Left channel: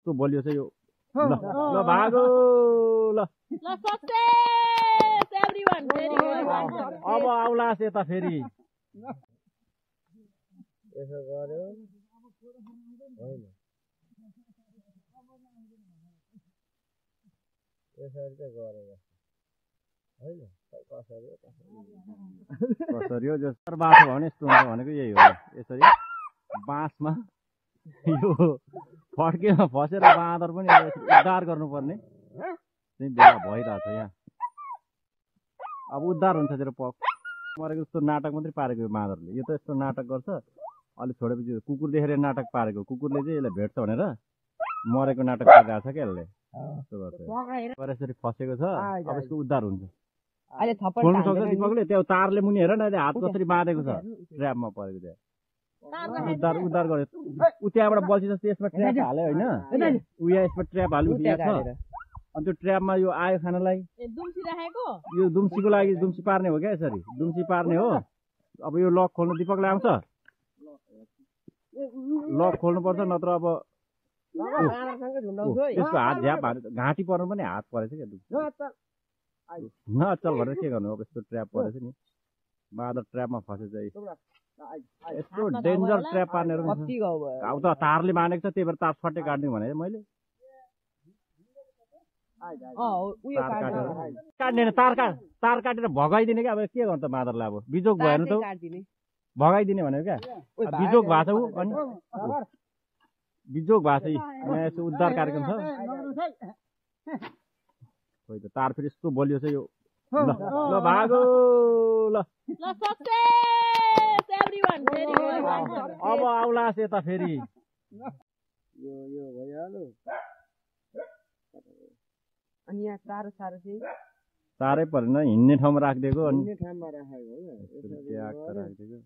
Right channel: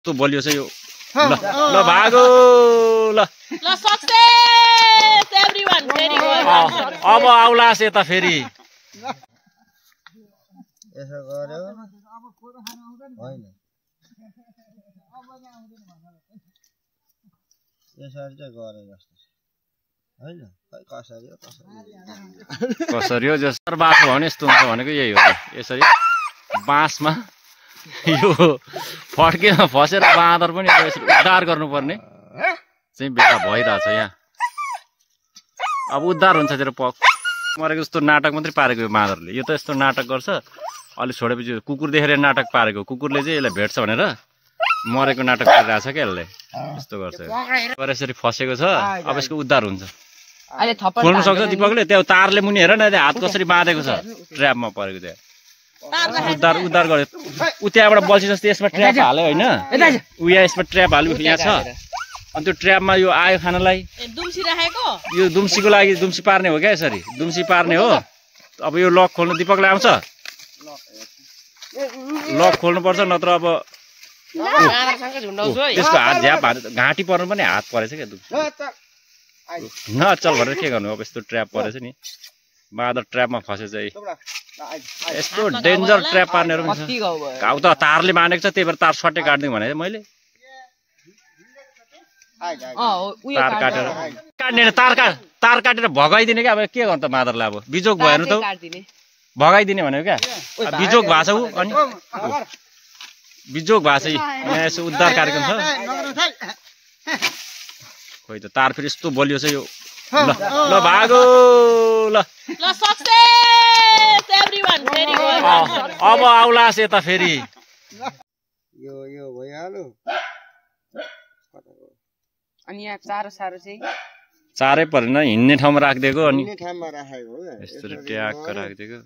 यस्तो बलियो छ यो ल ल भागो ल ल सक्सेस एभ्रीवन भेरी गुड अब आउलास यता फेरि यसो गर्यो होइन यसरी चाहिँ गरे जस्तो हैन खै कसरी हो कसरी हो जस्तो बाटो भने यस्तो हुन्छ भनेको यही हो यसरी बाँसमा यो फड्केमा फसेर बाँदर पनि यसरी उद्धार गर्नुपर्ने चाहिँ बेला भइरहेछ यहाँ अब उद्धार हुन्छ तेरो पक मरेको जस्तो नाटक मात्रै पारेको यो बाँदरले यो त यस्तो नाटक गर्छ अलि छोडेपछि कुकुर देखेर नाटक पारेको कुकुरले चाहिँ यसलाई भेट्छ भनेर मरेको नाटक गरिरहेछ क्या यसले यस्तो गर्छ यसरी फसेको छ अब यसको उद्धार हुन्छ खोल्नु सक्छ दिपकले त्यो तारले मुनि हेर न हात कसरी बाँधेको छ ट्र्यापमा परेको त्यहाँ उद्धार उद्धार गर्यो उ त्यहाँबाट बल्छी जस्तो यसमा ट्र्याप हाल्यो होइन उ यहाँ यसमा ट्र्याप हाल्यो यहाँ छ अनि त्यो ट्र्यापमा यो आयो खानालाई यो दुम्सीको लागि दुम्सी पार्ने हो क्या यसरी दुम्सी पार्ने हो अब यो लक खोल्नु दिपकलाई आउँछ लक खोल्नुपर्छ नत्र अब त्यसको हात झ्याप घाँटी पर्नु पनि हात परेछ क्या दुम्सी नचल भनेर के गर्नु अब यस्तो ट्र्याप परेछ नि बाँदर ट्र्यापमा फसेछ यस्तो डेन्जर ट्र्याप पार्नेहरू पनि छ घाउ त तारले बाँधेको छ त्यही भएर तार सट्टै काट्दिउँ भने मैले तार काटेर काट्ने तार काटेर भगाइदिने क्या अब के गर्नु त बाँदरलाई अब बिजोग भयो भने त भगाइदिने भनेको क्या बिजोग भएको छ ऊ अनि बिजोग भएको छ यहाँ यसो उद्धार कार्यक्रम छ खोइ त तार फेरि यस्तो बलियो छ यो ल ल भागो ल ल सक्सेस एभ्रीवन भेरी गुड अब आउलास यता फेरि यो भइहाल्यो अनि यहाँ चारो सारो चाहिँ चारै परेन हिँड्ने ठाउँमा राखिदिएको अनि ठाउँमा राखेको यस्तो ट्याक्क राखिदिएको